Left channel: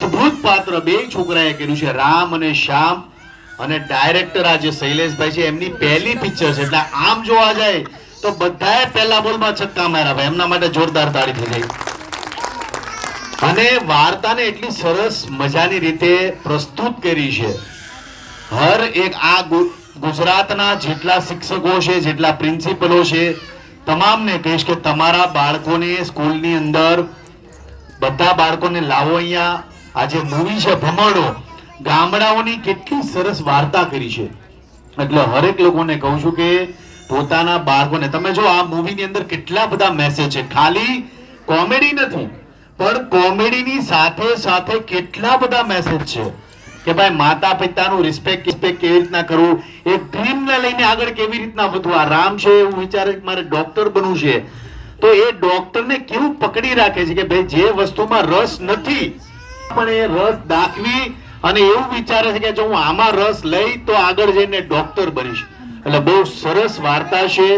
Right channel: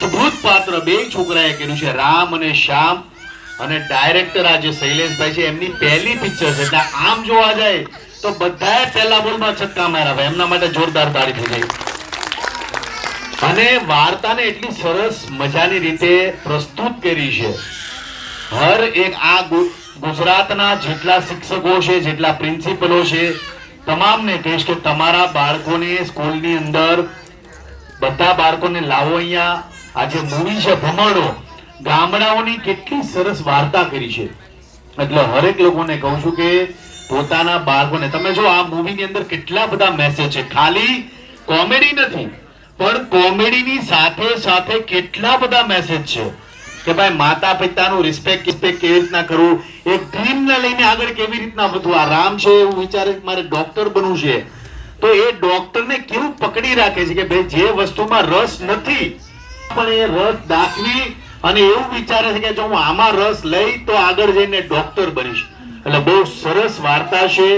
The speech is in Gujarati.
અદ્ભુત પાત્ર બે છોકરાએ કર્યું છે, રામ અને શ્યામ. અને ડાયરેક્ટર આજે શૈલેષભાઈ છે, એમની પહેલી પિક્ચર છે એટલે આમ જોવા જાય તો બધાએ પહેલા બોલમાં છક્કા માર્યા. એમના માટે જોરદાર તાળી થઈ જાય. અને વાર્તાને એટલી સરસ મજાની રીતે પ્રસ્તુત કરી છે. હર એક આ ગુજરાતના જેટલા શિક્ષકો છે, જેટલા પ્રિન્સિપલો છે, તમામને કહીશ કે તમારા બાળકોને સ્કૂલની અંદર બધા બાળકોને લાવો અહીંયા. આજે મૂવી છે ભમરડો, ગામડાઓની કેટલી સરસ વાર્તા કરી છે. એટલે હરેક લોકોને કહું છું કે પોતાના બાળકોને તમે જો આ મૂવીની અંદર કેટલા બધા મેસેજ છે. ખાલી કોમેડી નથી, પણ કોમેડીની સાથે સાથે કેટલા બધા મેસેજ છે કે ભાઈ માતા પિતાનું રિસ્પેક્ટ કેવી રીતના કરવું, એક ડ્રીમને લઈને આગળ કેવી રીતના વધવું. આ રામ છે એવું વિચારે કે મારે ડોક્ટર બનવું છે, તો એ ડોક્ટરને કેવું પકડી રાખે છે કે ભાઈ જે વસ્તુમાં રસ નથી પણ એ રસ દાખવી અને એવું વિચારે છે કે જો હું આમાં રસ લઈ તો આગળ જઈને ડોક્ટર બનીશ. એટલે બહુ સરસ વાર્તા છે.